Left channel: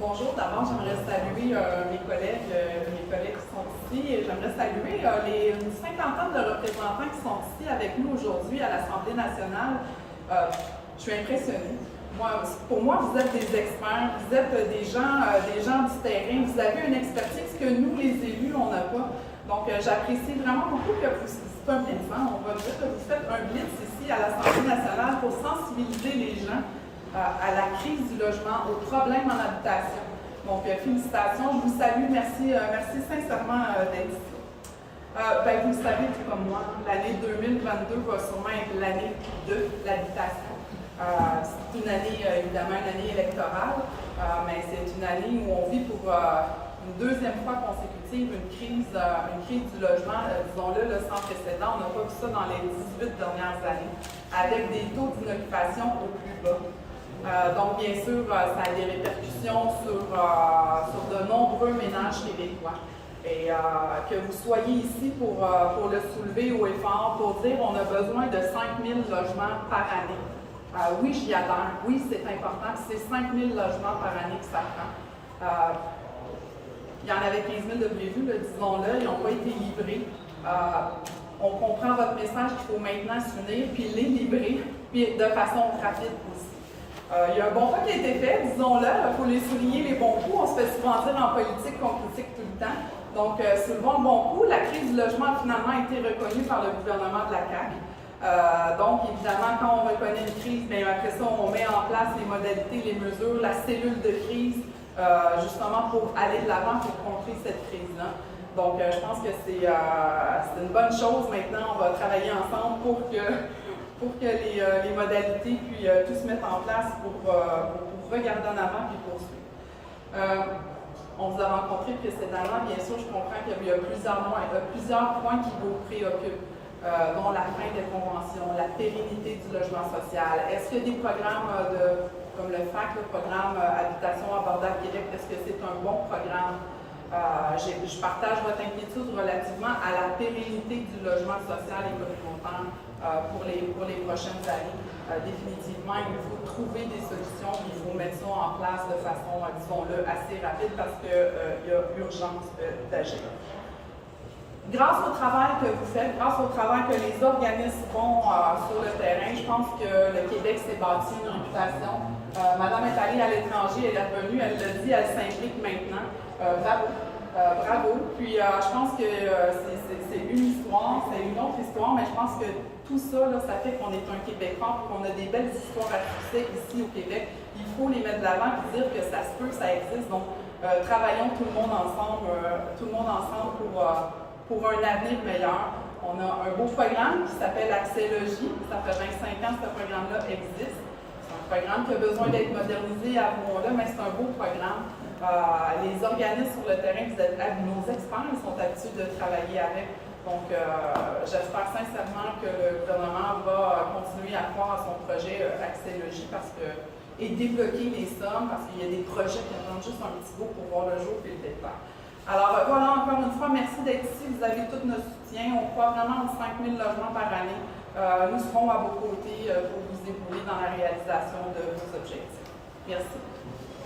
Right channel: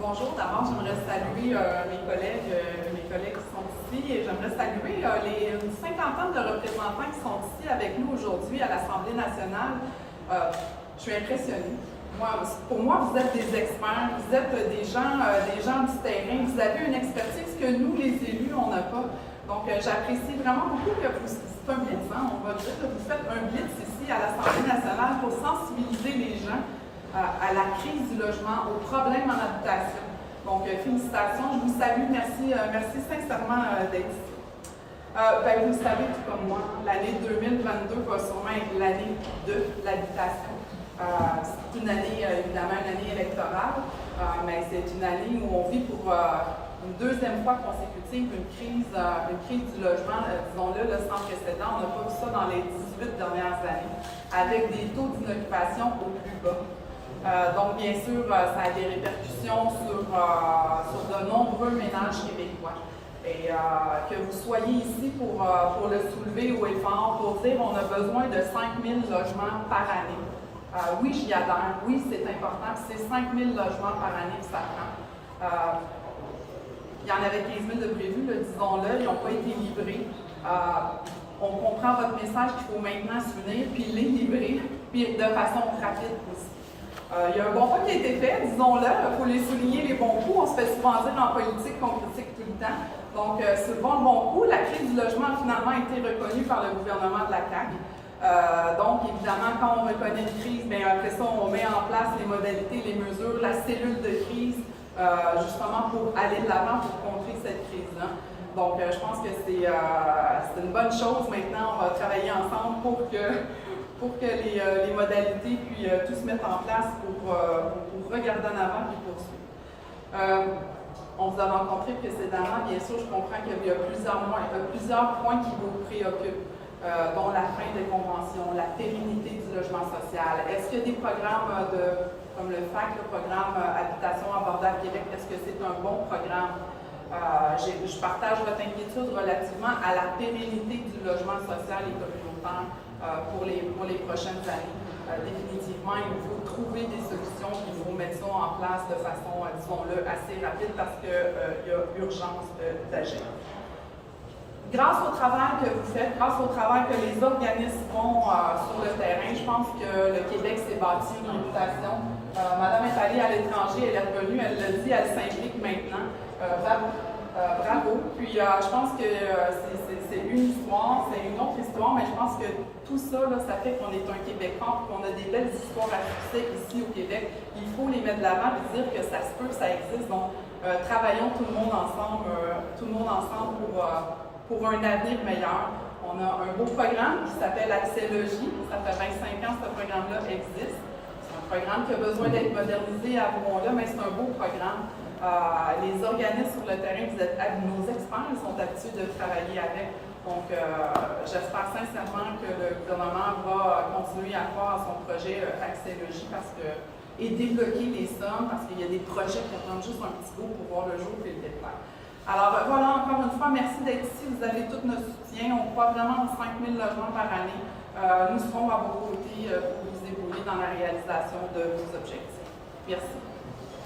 Bonjour, d'abord j'aimerais saluer mes collègues qui sont ici et j'aimerais saluer une cinquantaine de représentants qui sont ici avec nous aujourd'hui à l'Assemblée nationale. Je suis impressionnée. Pour moi, vous êtes des experts, vous êtes des gens du terrain, vous avez une expertise que nous, les élus, on n'a pas. Donc, j'apprécie vraiment beaucoup que c'est un blitz, hein, on va dire que vous faites un blitz ici à l'Assemblée nationale pour sensibiliser les gens à la crise du logement, aux problèmes en habitation. Donc, félicitations, je vous salue, merci sincèrement d'être ici. Vous le savez tout comme moi, l'année 2022 va sûrement être l'année de l'habitation. C'est une année, évidemment, une année électorale, mais c'est une année où on vit pour une deuxième fois consécutive une crise du logement, disons-le, sans précédent. On n'a pas vu ça dans les 18 dernières années, avec des taux d'inoccupation au plus bas. Donc, bien sûr, ça a des répercussions sur de nombreux ménages québécois. Et que vous soyez ici pour le soulever haut et fort, pour dire qu'on a besoin de 5 000 logements par année. Oui, j'y adhère. Oui, c'est important. C'est 5 000 logements par année que ça prend. Il y en avait 15 000 de prévus, disons-le. Ils n'ont pas été livrés. On comprend votre message qu'il faut maintenant s'unir puis les livrer, puis de façon rapide aussi. Il y a un bon pas qui a été fait, disons-le, il faut les souligner les bons coups. On se fait souvent dire en politique qu'on critique tout le temps. Donc, soulevons le bon coup. La crise du logement a finalement été reconnue par le gouvernement de la CAQ. Donc, évidemment, quand on reconnaît une crise, bien, après ça, on met en place les modalités, les mesures, la cellule de crise, justement pour aller de l'avant, pour contrer cette crise-là. Donc, je pense que c'est une bonne chose. Maintenant, on va travailler ensemble pour que les modalités puis tout se mette en place pour regarder en avant puis poursuivre. On vous a rencontré précédemment, bien sûr, je comprends qu'il y a plusieurs points qui vous préoccupent, dont la fin des conventions, la pérennité du logement social. Est-ce qu'il y a des programmes comme le FAC, le programme Habitation abordable Québec, est-ce que c'est un bon programme? Je partage votre inquiétude relativement à la pérennité du logement social et communautaire pour les prochaines années. Définitivement, il faut trouver des solutions, il faut mettre ça en place de façon, disons-le, assez rapide parce qu'il y a urgence d'agir. Grâce au travail que vous faites, grâce au travail que les organismes font sur le terrain, je pense que le Québec s'est bâti une réputation. Madame est allée à l'étranger, elle est revenue, elle l'a dit, elle s'implique maintenant. Bravo. Puis je pense que c'est une histoire, c'est une autre histoire, mais je pense que tout ça, là, ça fait qu'on est un Québec fort, qu'on a des belles histoires à succès ici au Québec. Il faut les mettre de l'avant et dire que ça se peut, ça existe. Donc, travaillons tout le monde ensemble pour un avenir meilleur. On a un beau programme qui s'appelle Accès Logis. Ça fait 25 ans que ce programme-là existe. C'est un programme qui a besoin d'être modernisé à ce moment-là, mais c'est un beau programme. Les organismes sur le terrain, nos experts ils sont habitués de travailler avec. Donc, j'espère sincèrement que le gouvernement va continuer à croire à son projet Accès Logis et débloquer les sommes parce qu'il y a des projets qui attendent juste un petit go pour voir le jour et le détail. Alors voilà, encore une fois, merci d'être ici. Vous avez tout notre soutien. On croit vraiment aux 5 000 logements par année. Nous serons à vos côtés pour vous épauler dans la réalisation de vos objectifs. Merci.